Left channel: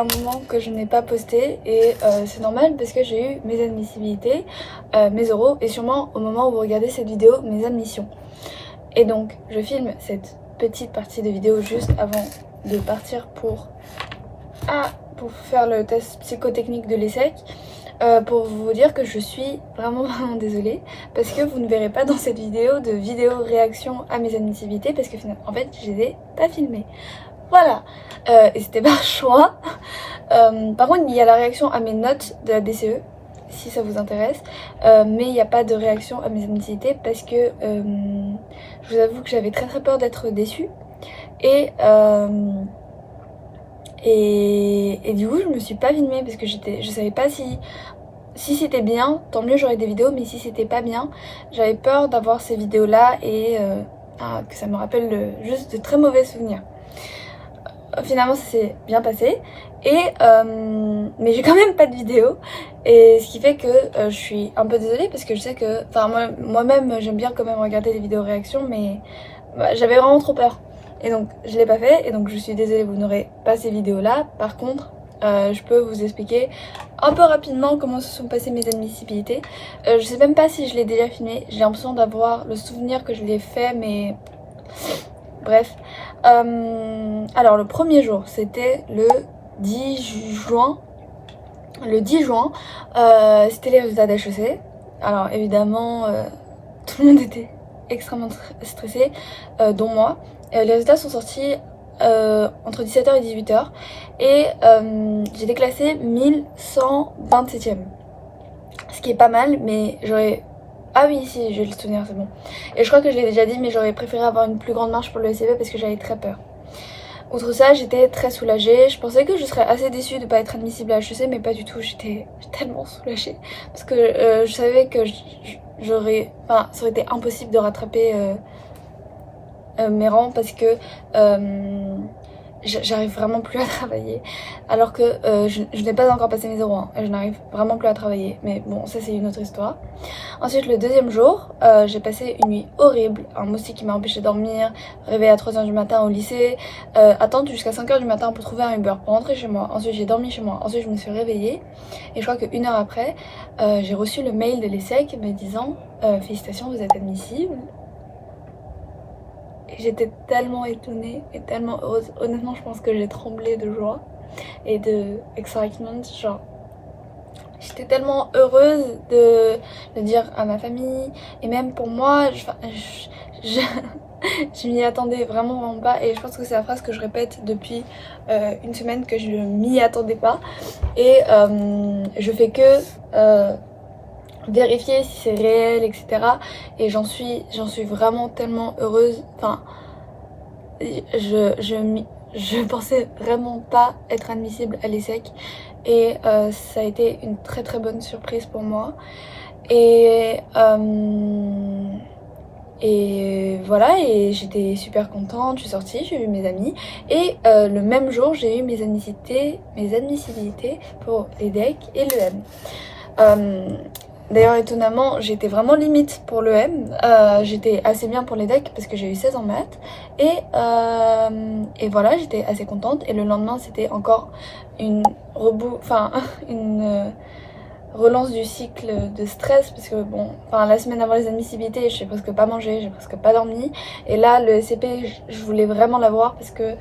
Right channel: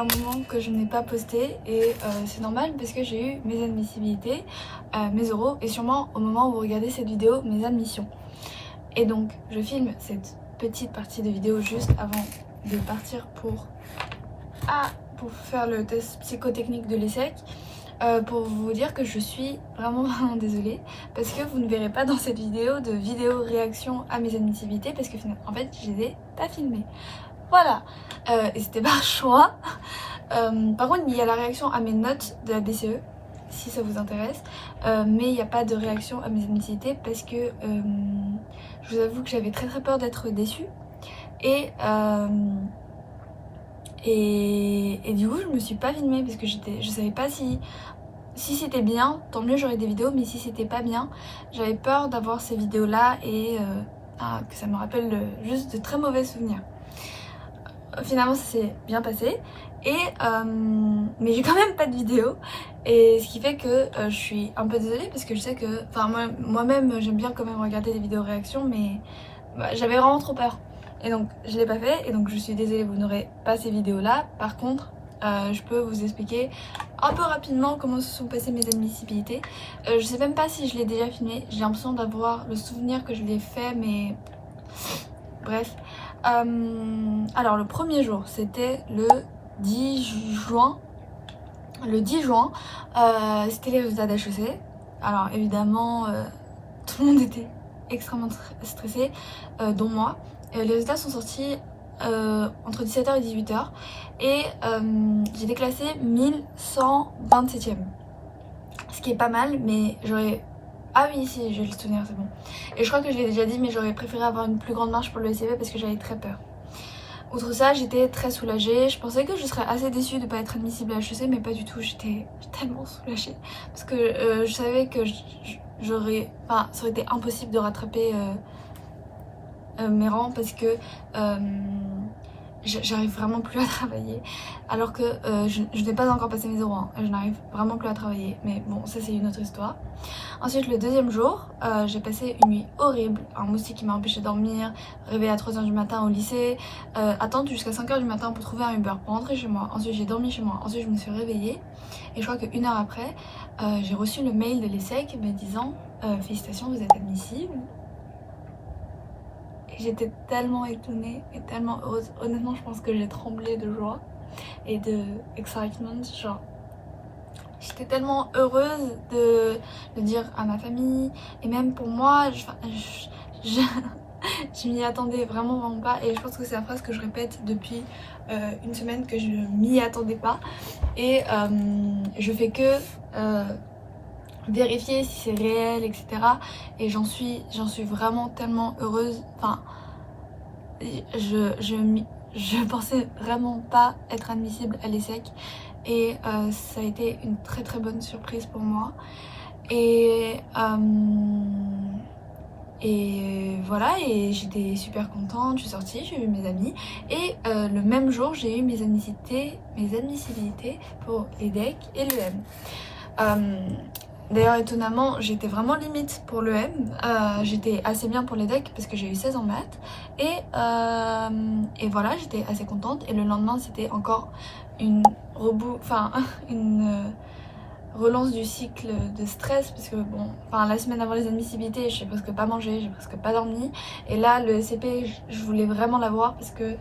un moment que je n'ai pas posté et c'est normal parce que j'ai eu mes admissibilités, mes oraux et sûrement au moment où vous regardez cette vidéo, mes admissions. Et donc je filme cette petite partie de vidéo juste avant de partir pour faire le test psychotechnique de l'ESSEC. Pour vous dire que je suis vraiment désolée parce que vous ne verrez pas dans cette vidéo de vidéo réaction à mes admissibilités parce que en fait je les ai pas filmées. Voilà, et c'était par choix. Par contre il y a la réaction à mes notes de la BCE si ça vous intéresse, mais il n'y a pas de réaction à mes admissibilités parce que je vous avoue que j'avais très peur d'être déçue et du coup je me suis pas filmée parce que je savais pas si c'était bien, tant mieux j'aurais des vidéos, mais si c'était pas bien, j'avais peur d'avoir ces vidéos là et que ça me rappelle juste de très mauvais souvenirs. Finalement ça s'est bien passé mais j'ai quand même pas de vidéo et ce qui fait que je suis un peu désolée parce que je sais que, enfin moi-même j'aime bien quand même regarder des vidéos réactions mais j'avais vraiment trop peur. Et donc je l'ai pas fait et donc je suis désolée, vous n'aurez pas ces vidéos là. Par contre je peux vous expliquer un peu rapidement comment se sont passées mes admissibilités. Je sais même pas si je l'ai déjà filmé, j'ai l'impression d'avoir le souvenir que je l'ai fait mais bref. Alors le premier jour c'était le 10 juin. Le 10 juin c'était les résultats d'HEC. Alors évidemment tout le monde était extrêmement stressé, dont moi. Les résultats sont sortis entre 17h et 18h et j'ai été classée 1127e, ce qui est pas mal, mais j'aurais... Ah oui, si, je vais le souvenir, c'est bon. Et je crois que je l'ai déjà dit, mais j'aurais préféré avoir une plus grande marge pour le SCP parce que j'avais très peur. Outre ça, j'étais très soulagée. Je pensais que je serais assez déçue de ne pas être admissible à HEC, mais pas du tout. J'étais tellement soulagée parce que je savais que j'aurais... Enfin, ça aurait été impossible de rattraper mes rangs parce que j'arrive vraiment plus à travailler alors que je n'ai pas encore passé mes 0 et je n'arrive vraiment plus à travailler, mais bon ça c'est une autre histoire. Ensuite le deuxième jour j'ai passé une nuit horrible, un moustique qui m'a empêché de dormir, réveillée à 3h du matin au lycée, attendre jusqu'à 5h du matin pour trouver un Uber pour rentrer chez moi. Ensuite j'ai dormi chez moi, ensuite je me suis réveillée et je crois qu'une heure après j'ai reçu le mail de l'ESSEC me disant félicitations, vous êtes admissible. J'étais tellement étonnée et tellement heureuse. Honnêtement, je pense que j'ai tremblé de joie et de excitement. Genre, j'étais tellement heureuse de le dire à ma famille et même pour moi. Je m'y attendais vraiment pas et je pense que c'est la phrase que je répète depuis une semaine, que je m'y attendais pas. Et je fais que vérifier si c'est réel, etc. Et j'en suis vraiment tellement heureuse. Enfin, je pensais vraiment pas être admissible à l'ESSEC et ça a été une très bonne surprise pour moi. Et voilà, et j'étais super contente, je suis sortie, j'ai vu mes amis et le même jour j'ai eu mes admissibilités pour l'EDEC et l'EM. D'ailleurs étonnamment j'étais vraiment limite pour l'EM, j'étais assez bien pour l'EDEC parce que j'ai eu 16 en maths et voilà, j'étais assez contente. Et le lendemain c'était encore une relance du cycle de stress parce que bon, la semaine avant les admissibilités j'ai presque pas mangé, j'ai presque pas dormi et là le SCP je voulais vraiment l'avoir parce que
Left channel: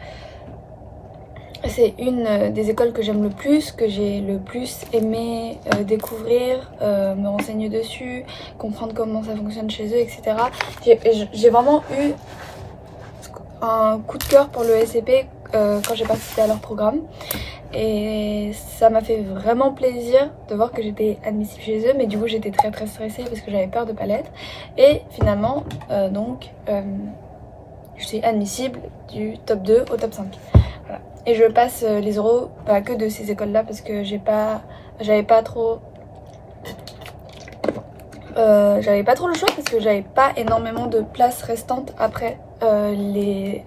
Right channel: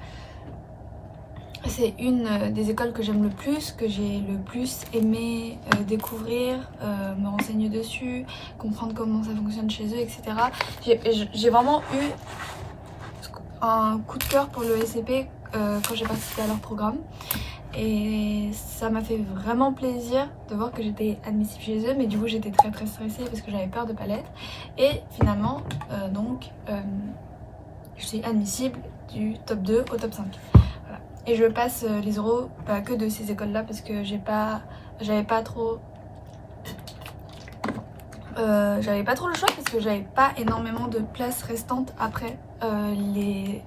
c'est une des écoles que j'aime le plus, que j'ai le plus aimé découvrir, me renseigner dessus, comprendre comment ça fonctionne chez eux, etc. J'ai vraiment eu un coup de cœur pour le SCP quand j'ai participé à leur programme. Et ça m'a fait vraiment plaisir de voir que j'étais admissible chez eux, mais du coup j'étais très stressée parce que j'avais peur de pas l'être. Et finalement, je suis admissible du top 2 au top 5. Voilà. Et je passe les oraux pas que de ces écoles là parce que j'avais pas trop le choix parce que j'avais pas énormément de places restantes après les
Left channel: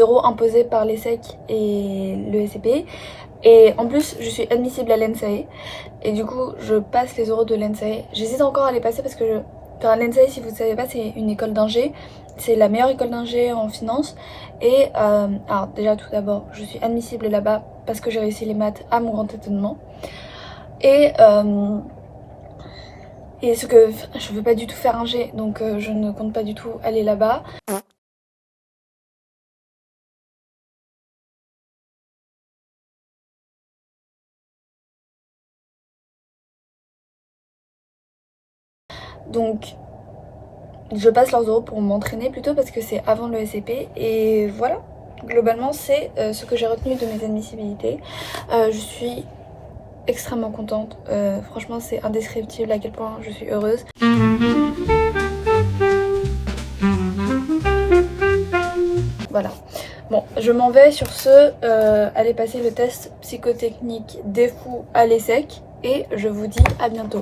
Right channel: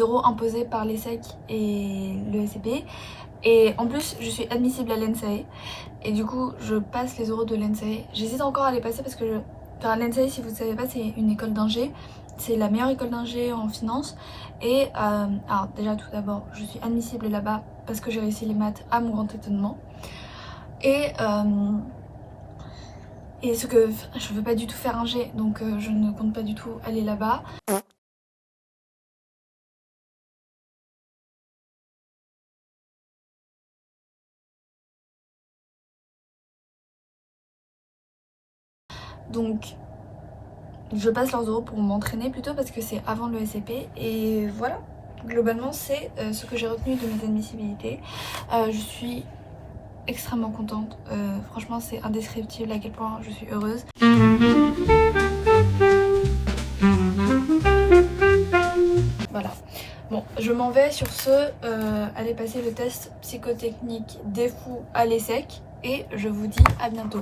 oraux imposés par l'ESSEC et le SCP. Et en plus je suis admissible à l'ENSAE et du coup je passe les oraux de l'ENSAE. J'hésite encore à les passer parce que l'ENSAE, si vous ne savez pas, c'est une école d'ingé c'est la meilleure école d'ingé en finance. Et alors déjà tout d'abord, je suis admissible là-bas parce que j'ai réussi les maths à mon grand étonnement. Et ce que je veux pas du tout faire ingé, donc je ne compte pas du tout aller là-bas. Donc je passe leurs euros pour m'entraîner plutôt parce que c'est avant le SCP. Et voilà, globalement c'est ce que j'ai retenu de mes admissibilités. Je suis extrêmement contente, franchement c'est indescriptible à quel point je suis heureuse. Voilà, bon je m'en vais sur ce, aller passer le test psychotechnique des fous à l'ESSEC et je vous dis à bientôt.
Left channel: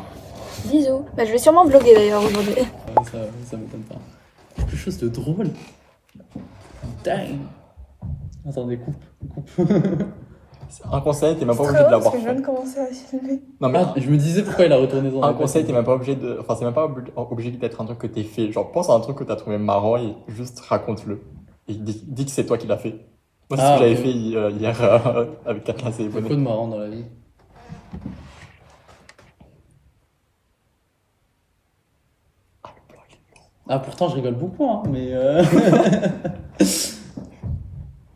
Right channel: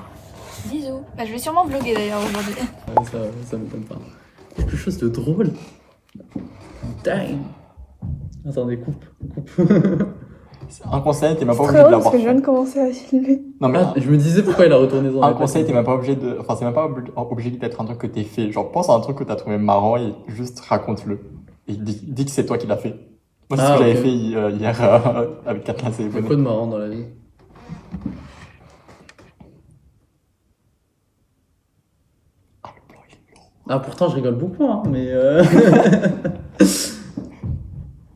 Bisous. Bah, je vais sûrement vlogger d'ailleurs aujourd'hui. Ça m'étonne pas. Quelque chose de drôle. Dang. Attendez, coupe. Un conseil, t'es même pas obligé de l'avoir. Parce que je viens de commencer à filmer. Non mais Je me disais pourquoi il a retourné dans un conseil, t'es même pas obligé de. Enfin, c'est même pas obligé d'être un truc que t'es fait. Genre, pense à un truc que t'as trouvé marrant et juste raconte-le. Et dis que c'est toi qui l'as fait. Moi, c'est ce que j'avais fait hier avec Katna. Il y a quoi de marrant dans la vie? Ah, pourtant, je rigole beaucoup, hein, mais.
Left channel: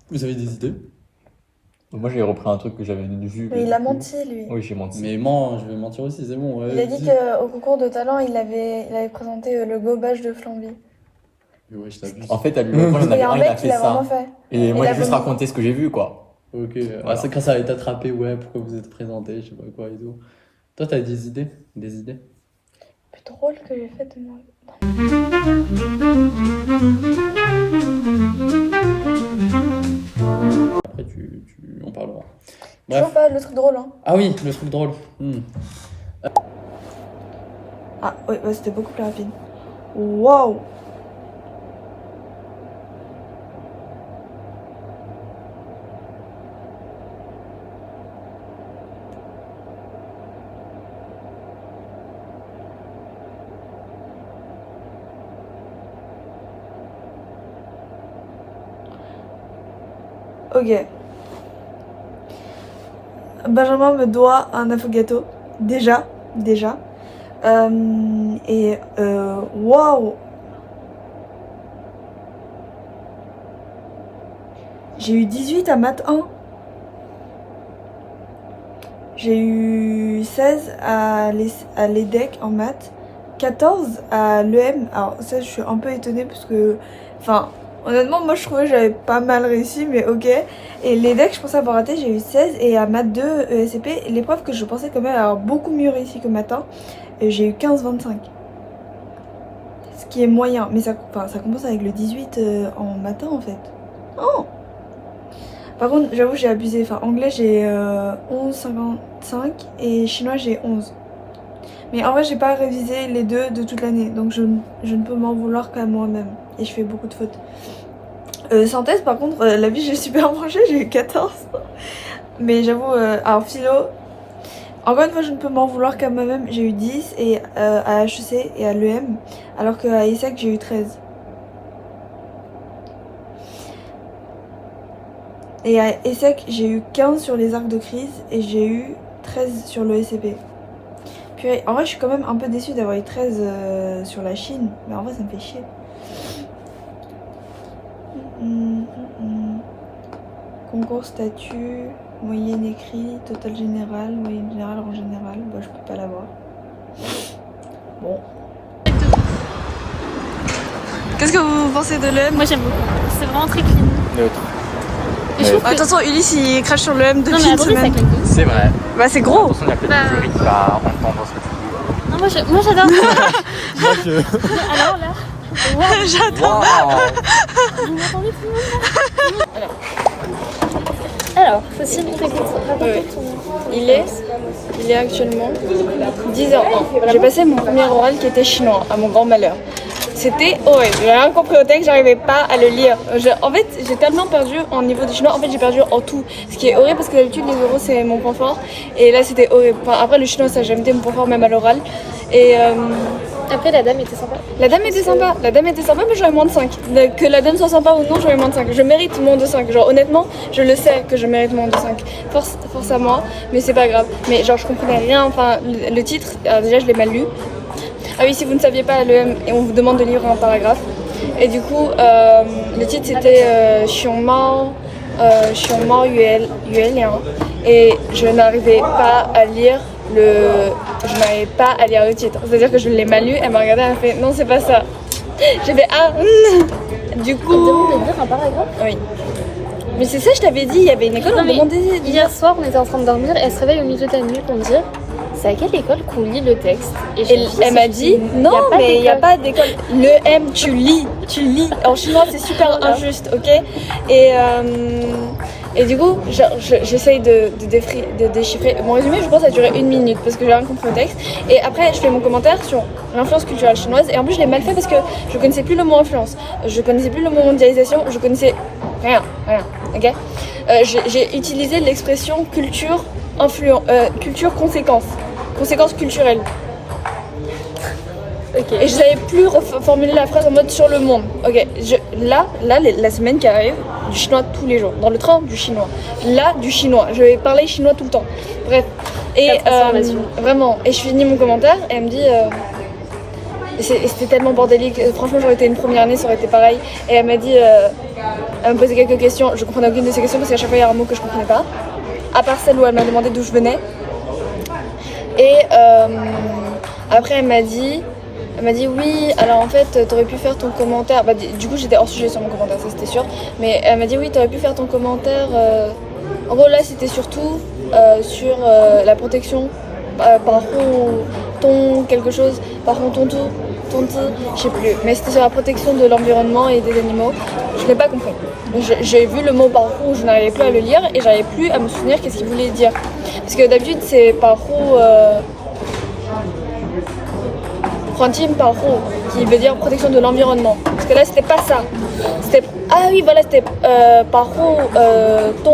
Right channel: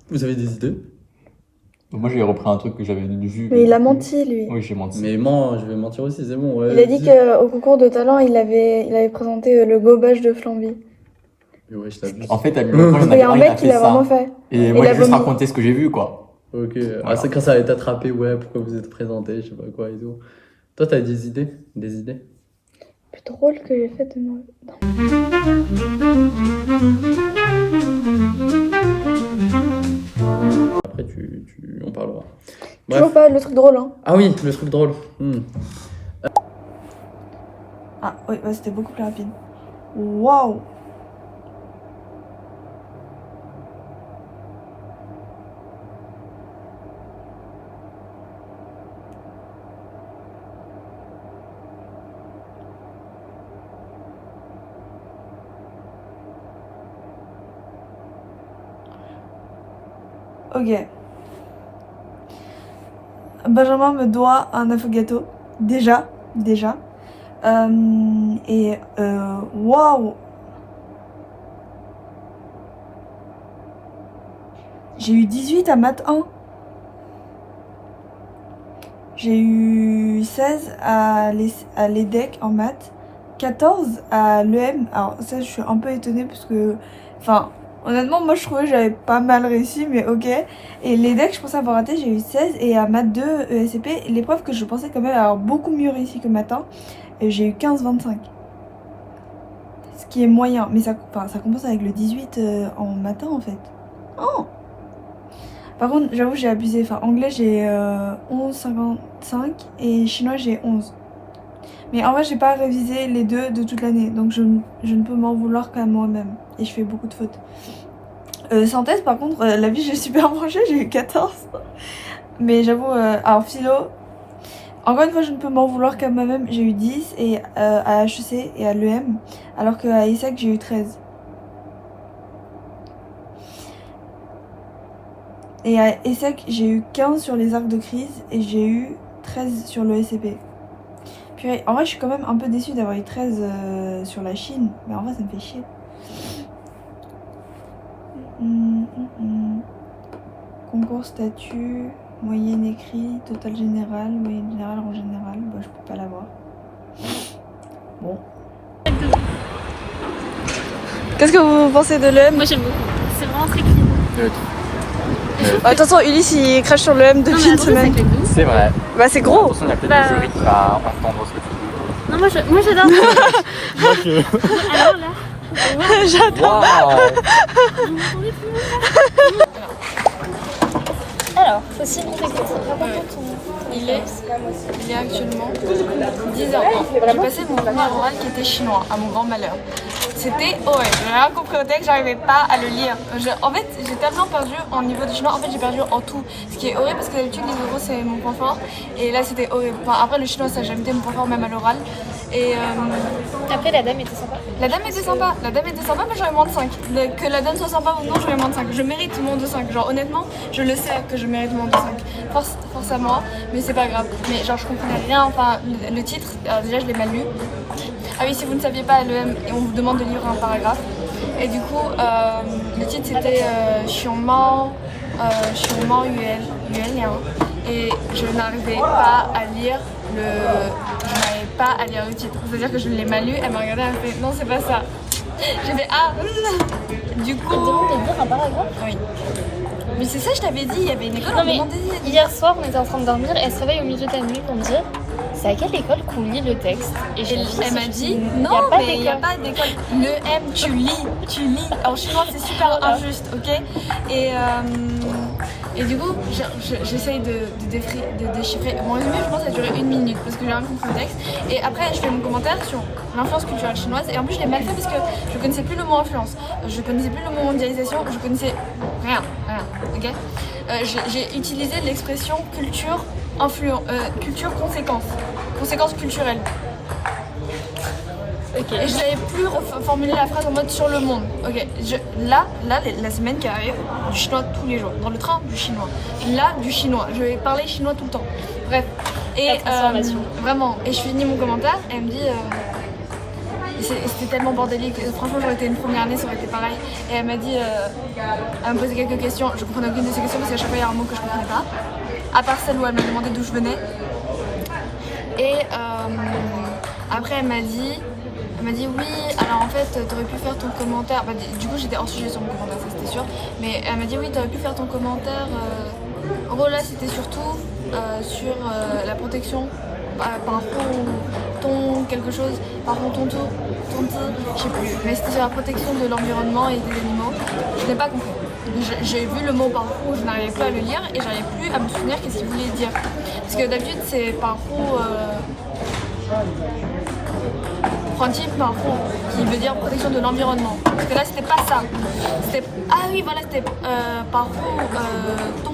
Vous avez des idées? Moi, j'ai repris un truc que j'avais vu. Mais il a menti, lui. Oui, j'ai menti. Mais moi, je vais mentir aussi, c'est bon. Ouais, Il a dit qu'au concours de talent, il avait présenté le gobage de Flamby. Mais ouais, je t'abuse. En fait, à lui, il y a un mec qui l'a vraiment fait. Et moi, j'ai juste raconté ce que j'ai vu, quoi. Ok, Voilà. Ah, c'est quand ça va être attrapé, ouais, pourquoi vous êtes présenté, je sais pas quoi et tout. Toi, t'as des idées? Des idées? Plus drôle que j'ai fait de moi. Après, on parlera. Tu vois pas le truc drôle, hein? Ah oui, le truc drôle. Ah oui, bah, c'était beaucoup plus rapide. Waouh! Ok. Benjamin me doit un affogato. Déjà. Waouh! J'ai eu 18 à maths 1. J'ai eu 16 à l'EDEC en maths. 14 à l'EM. Alors ça, je suis un peu étonnée parce que... Enfin... Honnêtement, moi je trouvais que j'avais pas mal réussi, mais ok. Et les decks, je pensais avoir raté, j'ai eu 16. Et à maths 2, ESCP, l'épreuve que je pensais quand même avoir beaucoup mieux réussi que maths 1, j'ai eu 15-25. Ce qui est moyen, mais ça compense avec le 18 en maths 1 en fait. Oh! Par contre, j'avoue, j'ai abusé. Enfin, anglais, j'ai 11,55 et chinois, j'ai 11. Mais en vrai, j'ai pas révisé les deux de toute l'année, donc je ne peux m'en vouloir qu'à moi-même. Et je fais beaucoup de fautes. Synthèse, par contre, la vie, j'ai super mangé, j'ai eu 14. Mais j'avoue, alors philo, encore une fois, je ne peux m'en vouloir qu'à moi-même. J'ai eu 10 et à HEC et à l'EM, alors qu'à ESSEC, j'ai eu 13. Et à ESSEC, j'ai eu 15 sur les arcs de crise et j'ai eu 13 sur le SCP. Puis en vrai, je suis quand même un peu déçue d'avoir eu 13 sur la Chine, mais en vrai, ça me fait chier. Concours statut, moyenne écrit, total général, moyenne générale en général. Bah, je peux pas l'avoir. Bon. Qu'est-ce que vous pensez de l'EM? Moi j'aime beaucoup, c'est vraiment très clean. Attention, Ulysse il crache sur l'EM depuis une semaine. C'est vrai. Bah, c'est gros. Attention, il y a peut-être le jury qui va entendre ce que tu dis. Non, moi j'adore. Alors là, wow. J'adore. Vous m'entendez tout le monde? Alors, possible, Il est actuellement 10h01. J'ai passé mon premier oral qui était chinois, à mon grand malheur. c'était horrible. J'ai rien compris au texte, j'arrivais pas à le lire. En fait, j'ai tellement perdu au niveau du chinois. En fait, j'ai perdu en tout. Ce qui est horrible parce que d'habitude, les euros, c'est mon point fort. Et là, c'était horrible. Enfin, après, le chinois, ça a jamais été mon point fort, même à l'oral. Et Après, la dame était sympa. la dame était sympa. La dame était sympa, mais j'aurais moins de 5. Que la dame soit sympa ou non, j'aurais moins de 5. Je mérite moins de 5. Genre, honnêtement, je le sais que je mérite moins de 5. Force à moi, mais c'est pas grave. Mais genre, je comprenais rien. Enfin, le titre, alors déjà, je l'ai mal lu. Ah oui, si vous ne saviez pas, et on vous demande de lire un paragraphe. Et du coup, le titre c'était Xiongmao Yuel Liang. Et je n'arrivais pas à lire le titre. C'est-à-dire que je l'ai mal lu, elle m'a regardé, elle m'a fait non, c'est pas ça. J'ai fait ah. Du coup. Elle demande de lire un paragraphe. Oui. Mais c'est ça, je t'avais dit, il y avait une école, Non, on mais demandait de lire. hier soir, on était en train de dormir et elle se réveille au milieu de la nuit pour me dire c'est à quelle école qu'on lit le texte. Et Elle m'a dit non, mais il n'y a pas d'école. Le M, tu lis. En chinois, c'est super injuste, ok? Et du coup, j'essaye de déchiffrer. Mon résumé, je pense, a duré 1 minute parce que j'ai rien compris au texte. Et après, je fais mon commentaire sur l'influence culturelle chinoise. Et en plus, je l'ai mal fait parce que je connaissais plus le mot influence. Je connaissais plus le mot mondialisation. Je connaissais rien, ok? J'ai utilisé l'expression culture conséquence culturelle. Ok. Et je savais plus reformuler la phrase en mode sur le monde. Ok, la semaine qui arrive, du chinois tous les jours. Dans le train, du chinois. Là, du chinois. Je vais parler chinois tout le temps. Bref. Et vraiment. Et je finis mon commentaire et elle me dit. Et c'était tellement bordélique. Franchement, j'aurais été une première année, ça aurait été pareil. Et elle m'a dit. Elle me posait quelques questions. Je comprenais aucune de ces questions parce qu'à chaque fois, il y a un mot que je comprenais pas. À part celle où elle m'a demandé d'où je venais. Et après, elle m'a dit oui, alors en fait, t'aurais pu faire ton commentaire. Bah, du coup, j'étais hors sujet sur mon commentaire, ça c'était sûr. Mais elle m'a dit oui, t'aurais pu faire ton commentaire. En gros, là, c'était surtout sur la protection par ton quelque chose, par ton tonti, je sais plus. Mais c'était sur la protection de l'environnement et des animaux. Je n'ai pas compris. J'ai vu le mot parcours, je n'arrivais plus à le lire et j'arrivais plus à me souvenir qu'est-ce qu'il voulait dire. Parce que d'habitude, c'est parcours. Frontier parcours, qui veut dire protection de l'environnement. Parce que là, c'était pas ça. C'était parcours ton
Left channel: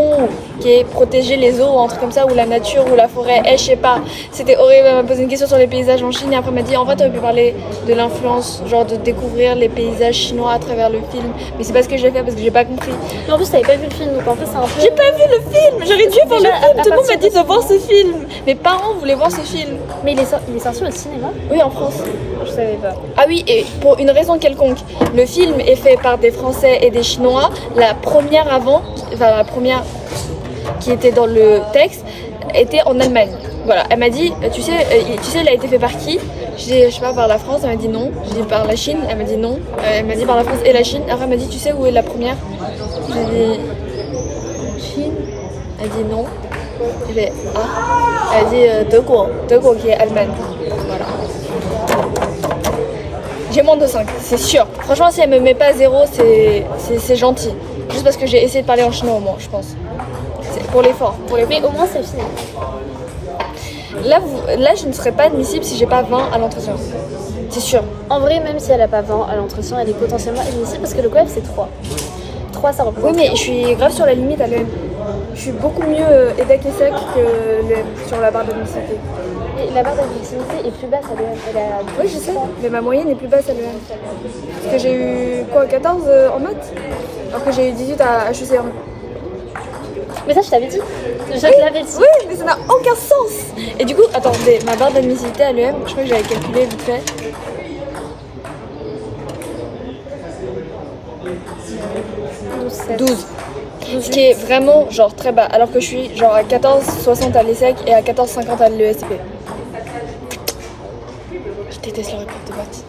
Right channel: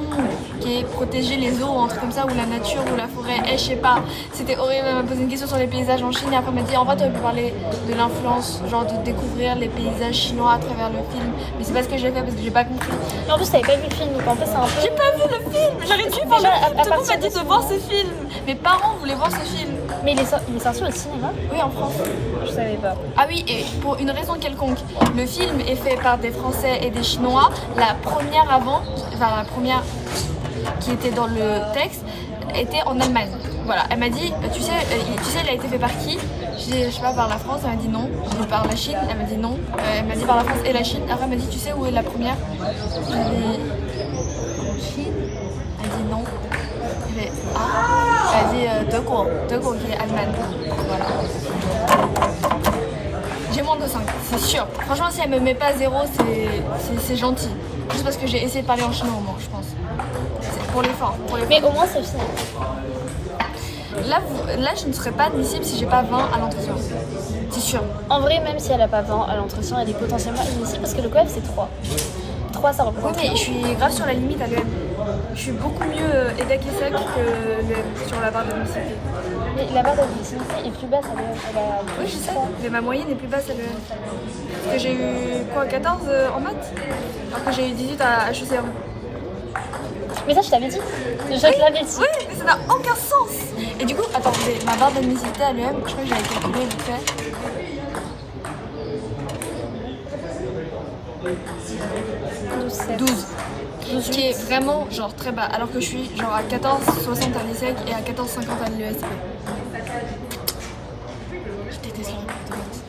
qui est protéger les eaux, un truc comme ça, ou la nature, ou la forêt. Je sais pas. C'était horrible. Elle m'a posé une question sur les paysages en Chine et après elle m'a dit en fait, tu aurais pu parler de l'influence, genre de découvrir les paysages chinois à travers le film. Mais c'est pas ce que j'ai fait parce que j'ai pas compris. Mais en plus, t'avais pas vu le film, donc en fait, c'est un peu. J'ai pas vu le film. J'aurais dû voir le film. Tout le monde m'a dit de voir ce film. Mes parents voulaient voir ce film. Mais il est sorti au cinéma? Oui, en France. Je savais pas. Ah oui, et pour une raison quelconque, le film est fait par des Français et des Chinois. La première qui était dans le texte était en Allemagne. Voilà, elle m'a dit, tu sais, il a été fait par qui? Je dis, je sais pas, par la France. Elle m'a dit non. Je dis par la Chine. Elle m'a dit non. Elle m'a dit par la France et la Chine. Après, elle m'a dit, tu sais où est la première? J'ai dit Chine. Elle dit non. J'ai dit ah. Elle a dit Deguo qui est Allemagne. Voilà. J'ai moins de 5, c'est sûr. Franchement, si elle me met pas 0, c'est gentil. Juste parce que j'ai essayé de parler en chinois au moins, je pense. C'est pour l'effort. Mais au moins, c'est fini. Là, je ne serais pas admissible si j'ai pas 20 à l'entretien. C'est sûr. En vrai, même si elle a pas 20 à l'entretien, elle est potentiellement admissible parce que le COEF c'est 3. 3, ça représente. Oui, mais je suis grave sur la limite à l'EM. Je suis beaucoup mieux EDEC et SEC que l'EM sur la barre d'admissibilité. Mais la barre d'admissibilité est plus basse à l'EM. Oui, je sais, mais ma moyenne est plus basse à l'EM. Parce que j'ai eu quoi, 14 en maths? Alors que j'ai eu 18 à HEC. Mais ça, je t'avais dit. Je te l'avais dit. Oui, mais ça n'a aucun sens. Et du coup, attendez, ma barre d'admissibilité à l'EM, je crois que j'avais calculé vite fait. 12. Ce qui est vraiment genre très bas, alors que je suis genre à 14,60 à l'ESSEC et à 14,50 à l'ESP. Je déteste leur épreuve de maths.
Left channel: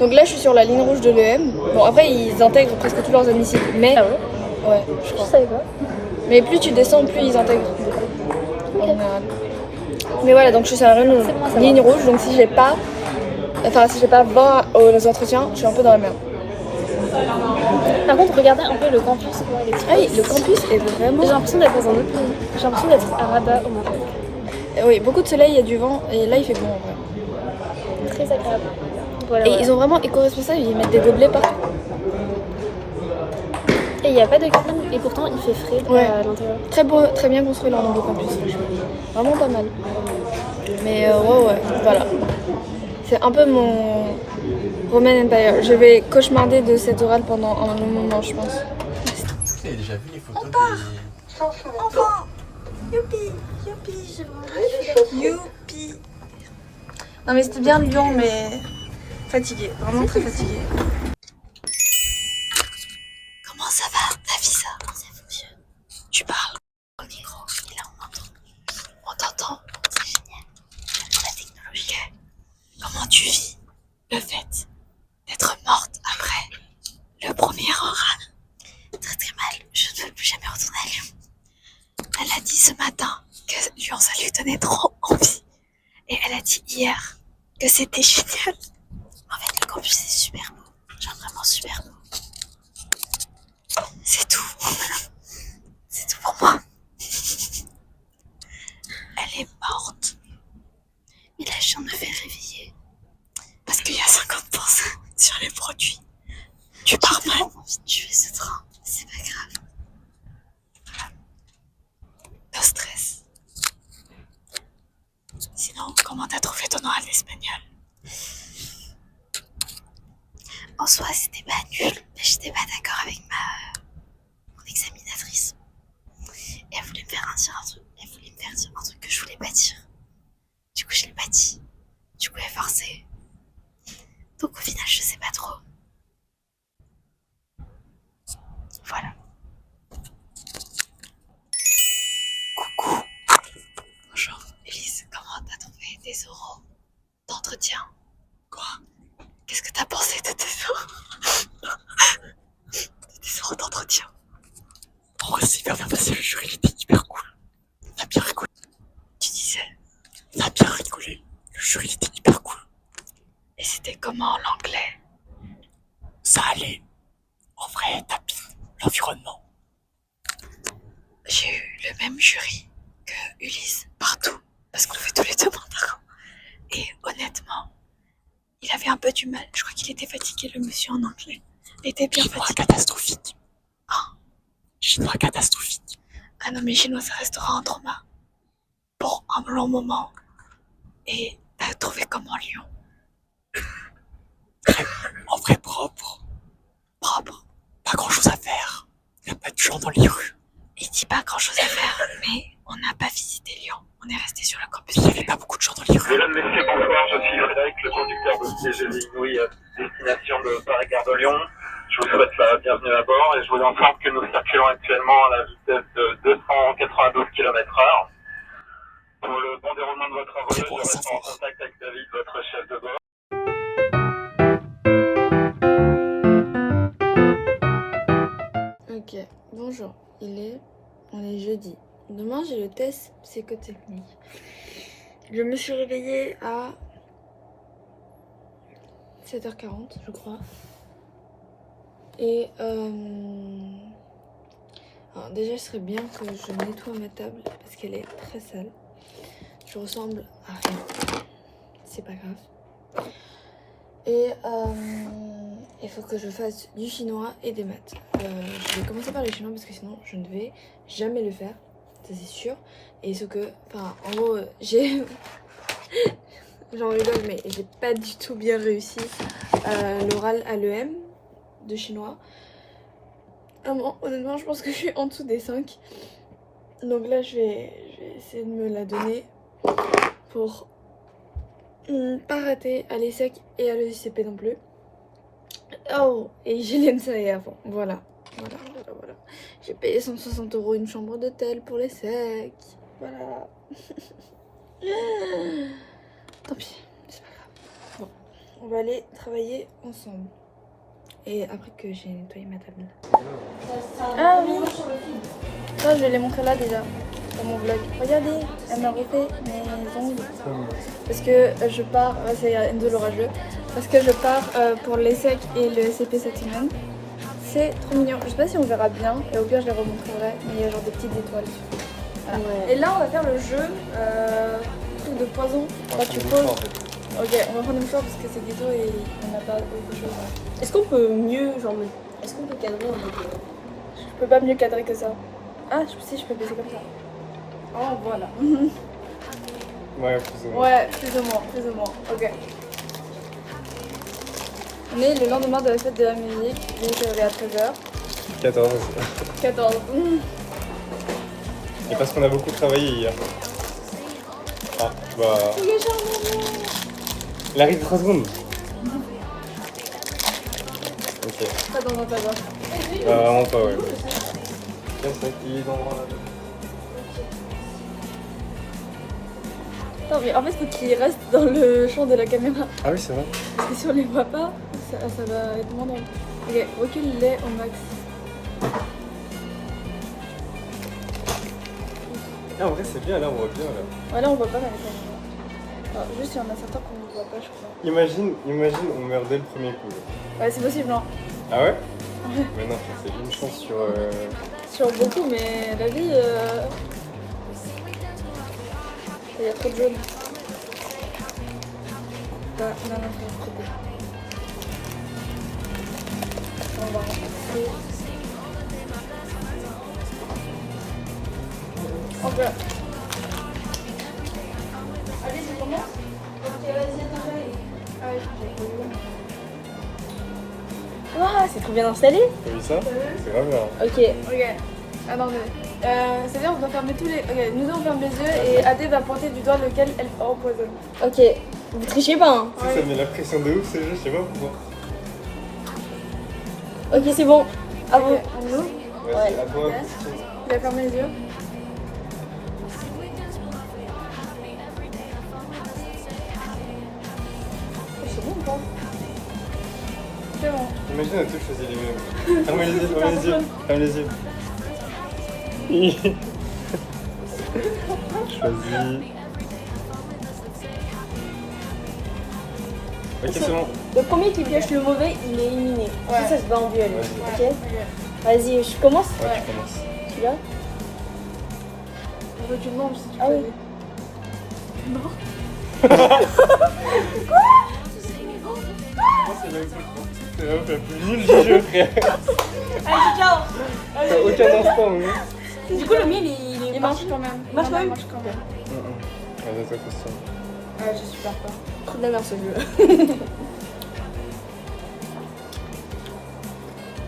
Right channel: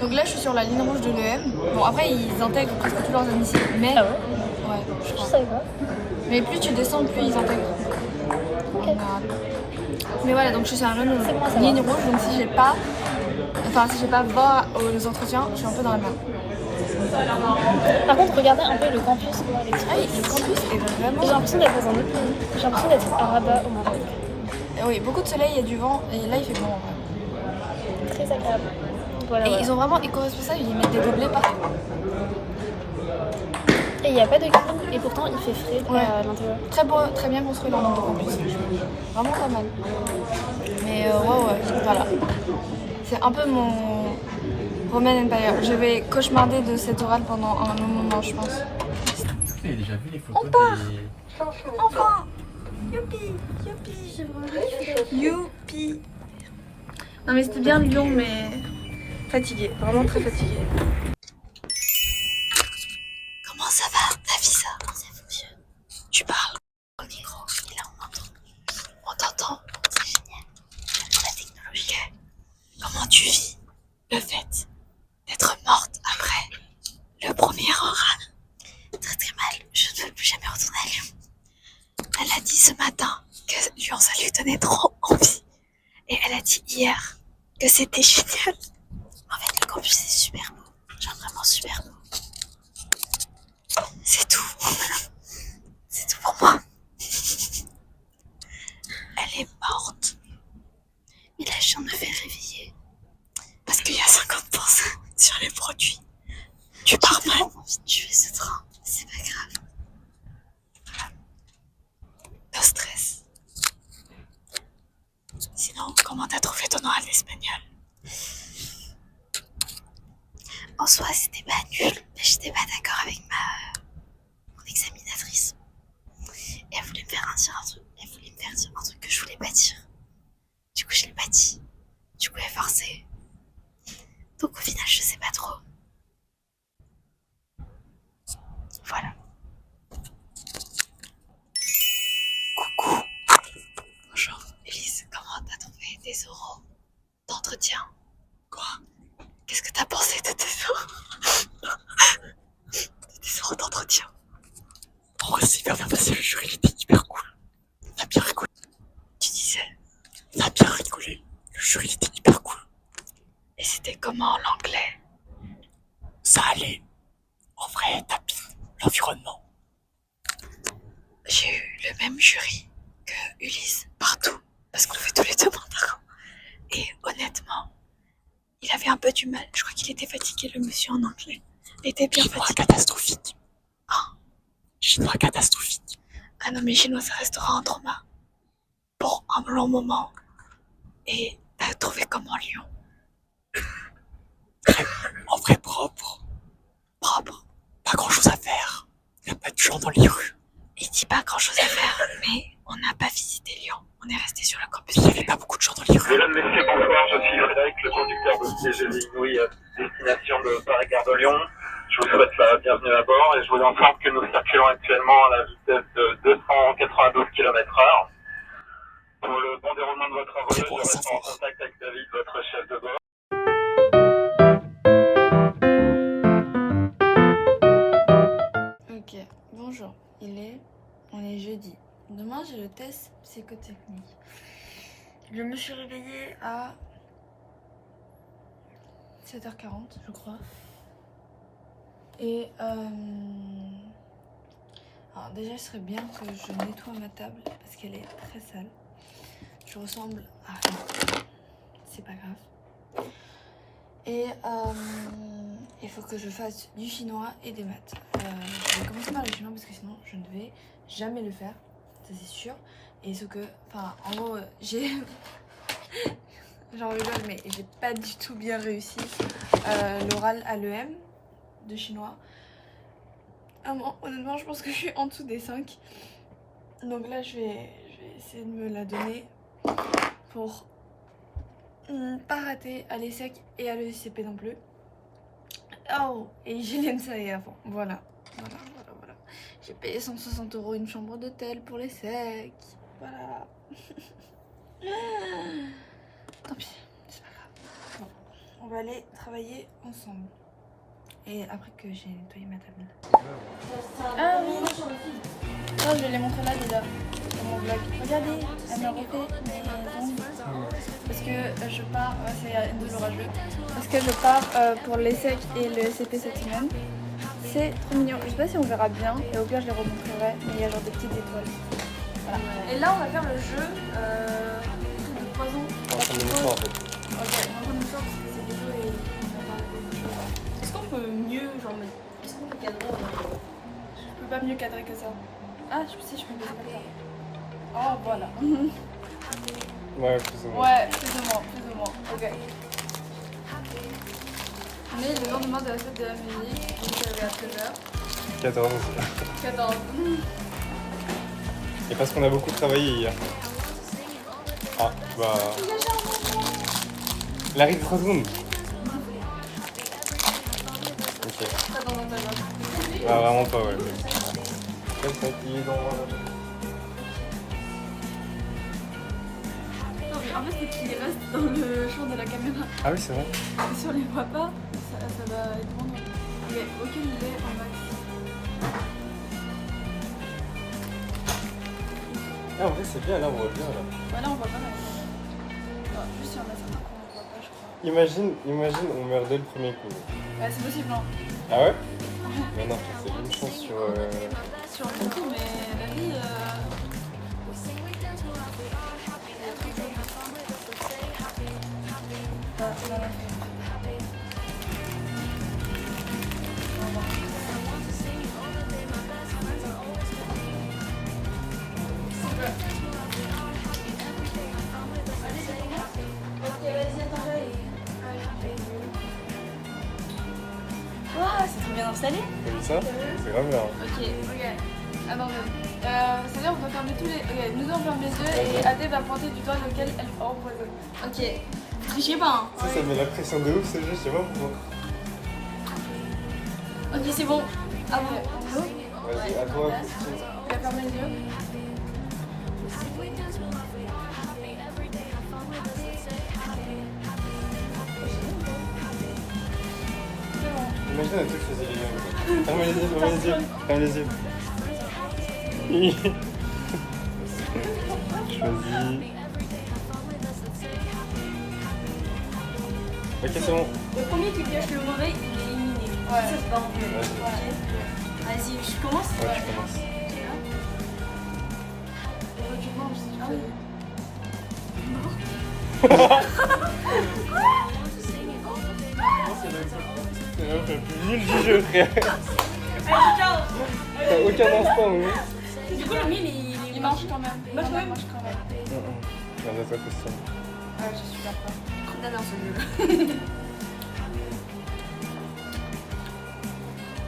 Donc là, je suis sur la ligne rouge de l'EM. Bon, après, ils intègrent presque tous leurs admissibles, mais... Ah ouais? Ouais, je crois. Je savais pas. Mais plus tu descends, plus ils intègrent. Mais voilà, donc je suis sur la ligne rouge, donc si j'ai pas 20 aux entretiens, je suis un peu dans la merde. Par contre, regardez un peu le campus. Ah oui, le campus est vraiment... J'ai l'impression d'être dans un autre pays. J'ai l'impression d'être à Rabat au Maroc. Oui, beaucoup de soleil, il y a du vent, et là il fait bon en vrai. Très agréable. Voilà, Et voilà. ils ont vraiment éco-responsable, ils mettent des gobelets partout. Et il n'y a pas de clim, et pourtant il fait frais Ouais. à l'intérieur. Très beau, très bien construit leur nouveau campus. Vraiment pas mal. Mais ouais, voilà. C'est un peu mon Roman Empire. Je vais cauchemarder de cette orale pendant un long moment, je pense. Vous avez déjà vu les photos Enfin, youpi, j'ai vraiment youpi. Non mais c'était bien Lyon, mais fatiguée, vraiment très fatiguée. Comment ça va, Nafisa? Ça fonctionne. Tu parles au micro et là on entend. On t'entend, c'est génial. La technologie. Comment tu vis le fait d'être morte après le premier oral? Très très mal, je ne veux plus jamais retourner à Lyon. Elle a dit ce matin que Lyon ça lui donnait trop envie. Et elle a dit hier que c'était génial. En fait le campus c'est super beau, genre vraiment super beau. C'est tout. C'est tout pour moi. Elle est morte. Mais la chienne me fait réveiller. Parce qu'il y a 50% sur les produits. Tu pars mal. J'ai envie de tuer ce train. C'est pas grave. Voilà. No stress. Sinon, comment t'as trouvé ton oral d'espagnol? En soi, c'était pas nul. Mais j'étais pas d'accord avec mon examinatrice. Et elle voulait me faire dire un truc. Elle voulait me faire dire un truc que je voulais pas dire. Du coup, je l'ai pas dit. Du coup, elle est forcée. Donc, au final, je sais pas trop. Voilà. Coucou. Bonjour. Elise, comment t'as trouvé tes oraux d'entretien? Quoi? Qu'est-ce que t'as pensé de tes oraux? De tes oraux d'entretien? En vrai, c'est hyper bien passé, le jury il était hyper cool. On a bien rigolé. Tu disais? On a bien rigolé. Le jury il était hyper cool. Et c'était comment l'anglais? Ça allait. En vrai, t'as bien l'environnement. J'ai eu le même jury que Ulysse partout, parce qu'on fait tous les deux mandarins. Et honnêtement, il avait un peu du mal. Je crois qu'il était fatigué, le monsieur en anglais. Il était bien fatigué. Catastrophique. Hein? Chinois catastrophique. Ah non, mais chinois, ça restera un trauma. Pour un long moment. Et t'as trouvé comment Lyon? En vrai propre. Propre. Pas grand chose à faire. Il n'y a pas de gens dans les rues. Il dit pas grand chose à faire, mais on n'a pas visité Lyon. On est resté sur le campus. Il n'y avait pas beaucoup de gens dans les rues. Mesdames, Messieurs, bonsoir, je suis Frédéric, le conducteur de TGV Inouï, destination de Paris-Gare de Lyon. Je vous souhaite la bienvenue à bord et je vous informe que nous circulons actuellement à la vitesse de 292 km/h. Pour le bon déroulement de votre voyage, je reste en contact avec David, votre chef de bord. Ok, bonjour, on est jeudi. Demain j'ai le test psychotechnique. Je me suis réveillée à 7h40 je crois. Et alors déjà, il serait bien que je nettoie ma table parce qu'elle est très sale. Je ressemble à rien. C'est pas grave. Et il faut que je fasse du chinois et des maths. Je vais commencer par le chinois parce que sinon je ne vais jamais le faire. Ça c'est sûr. Et ce que, enfin, en gros, j'ai... J'en rigole, mais j'ai pas du tout bien réussi l'oral à l'EM de chinois. Honnêtement, je pense que je suis en dessous des 5. Donc là, je vais essayer de me la donner pour pas rater à l'ESSEC et à l'ESCP non plus. Oh, et j'ai l'ENSAE avant. Voilà. J'ai payé 160 € une chambre d'hôtel pour l'ESSEC. Voilà. Tant pis, c'est pas grave. Bon, on va aller travailler ensemble. Et après que j'ai nettoyé ma table. Ah oui. Ça, je vais les montrer là déjà. Dans mon vlog. Regardez, elle m'a refait mes ongles. Parce que je pars, c'est Enzo l'orageux. Parce que je pars pour l'ESSEC et le SCP cette semaine. C'est trop mignon. Je sais pas si on verra bien. Et au pire, je les remontrerai. Mais il y a genre des petites étoiles. Voilà. Et là, on va faire le jeu. Truc de poison. Là, tu poses. Ok, on va prendre une fois parce que c'est plutôt et on n'a pas autre chose. Est-ce qu'on peut mieux, genre, est-ce qu'on peut cadrer en mode. Je peux pas mieux cadrer que ça. Ah, si, je peux baisser comme ça. Oh, voilà. Ouais, plus ou moins. Ouais, plus ou moins. Ok. On est le lendemain de la fête de la musique, donc à 13h. 14. 14. Et parce qu'on a beaucoup travaillé hier. Ah, bah. Il arrive 3 secondes. Ok. Ça dans ta gorge. Ah, vraiment pas, ouais. Il est dans Non, mais en fait, faut qu'il reste dans le champ de la caméra. Ah oui, c'est vrai. Parce que si on les voit pas, ça va être moins drôle. Ok, recule-les au max. Ah, en vrai, c'est bien, là, on voit bien, là. Ouais, là, on voit pas mal. Juste, il y en a certains qu'on ne voit pas, je crois. Imagine, on meurt dès le premier coup. Ouais, c'est possible, hein. Ah ouais? Mais non, c'est une chance sur... Sur beaucoup, mais la vie. Il y a trop de jaune. Ah, non, c'est trop beau. Ok. Ah, c'est trop bien installé. T'as vu ça? C'est grave là. Ok. Ok. Attendez. C'est-à-dire on va fermer tous les. Ok, nous on ferme les yeux et Adé va pointer du doigt lequel elle empoisonne. Ok. Vous trichez pas, hein. Ça met la pression de ouf, ce jeu, je sais pas pourquoi. Ok, c'est bon. À vous. Vas-y, à toi. Tu vas fermer les yeux. C'est bon. Imagine un truc que c'est éliminé. Ferme les yeux, ferme les yeux. Ferme les yeux. Choisis. Ok, c'est bon. Le premier qui pioche le mauvais, il est éliminé. Ça se bat en duel. Ok. Vas-y, je commence. Ouais, tu commences. Tu vois. Je veux que tu demandes si tu Ah peux. oui. C'est la plus nulle du jeu, frère. T'as aucun instant, oui. Du coup, le mien, Il marche quand même. Marche quand même. Il marche quand même. Allez, toi, question. Ouais, je suis super peur. Trop de la merde ce jeu.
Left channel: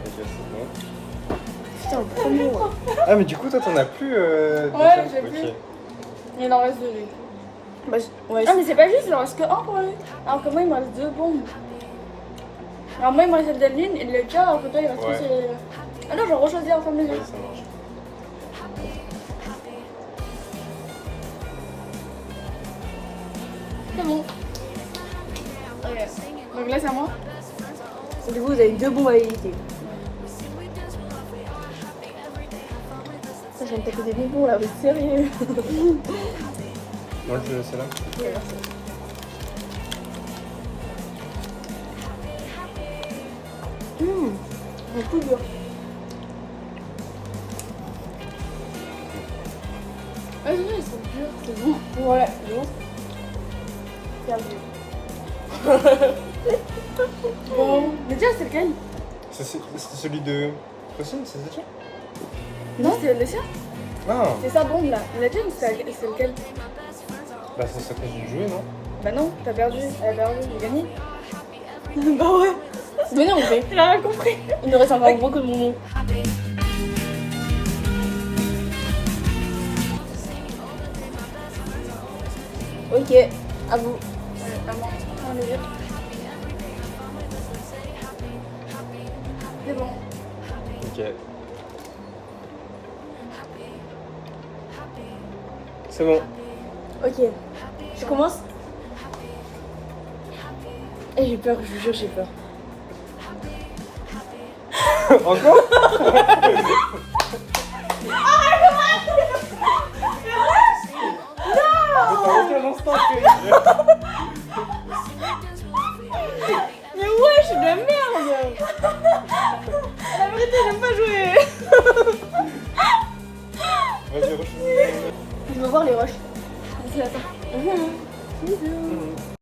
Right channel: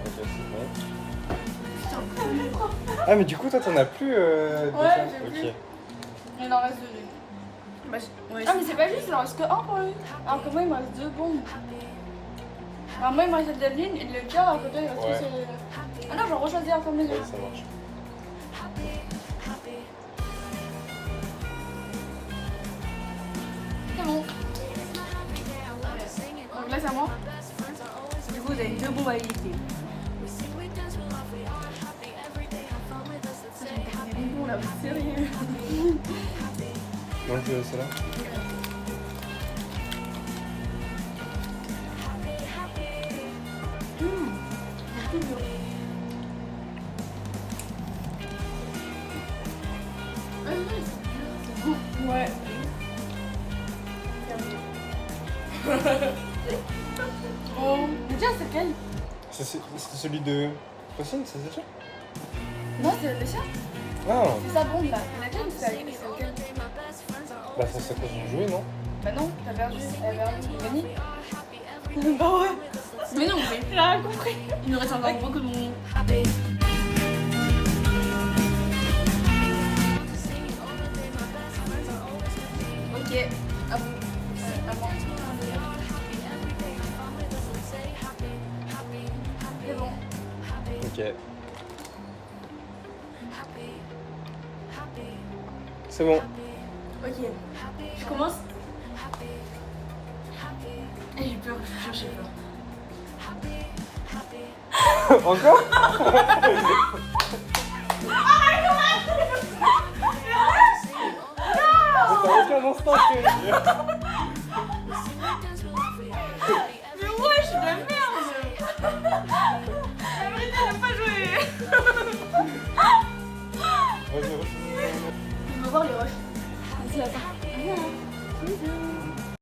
Ok, c'est bon. Putain, le premier. Ah, mais du coup, toi, t'en as plus. Ouais, déjà. j'ai Ok. plus. Il en reste 2 lui. Bah, ouais, Ah mais c'est pas juste, il en reste que 1 pour lui. Alors que moi il me reste 2 bombes. Alors moi il me reste Adeline et le cas, alors que toi il reste Ouais. tous ces... Ah non, je vais rechoisir ensemble les Ouais, yeux. ça marche. C'est bon. Ok. Donc là c'est à moi. Du coup, vous avez 2 bombes à éviter. Ça, j'ai tapé des bonbons là, mais sérieux. Ouais, tu veux celle-là? Un coup dur. Ouais, c'est dur, c'est bon. Ouais, c'est bon. Bon, mais déjà c'est lequel? C'est celui de. Possible, c'est ça? Non, c'est le sien. Ah, C'est ça bombe là. Il a déjà c'est lequel? bah c'est ça que j'ai joué, non? Bah non, t'as perdu. Elle a perdu, j'ai gagné. Bah ouais. Mais non, mais Il a rien compris. il nous reste encore beaucoup de bonbons. Ok, à vous. C'est bon. Ok. C'est bon. Ok, je commence. Et j'ai peur, je vous jure, j'ai peur. Encore? Mais ouais, je suis de la merde. La vérité, j'aime pas jouer. Vas-y, Je veux voir les roches. Vas-y, attends.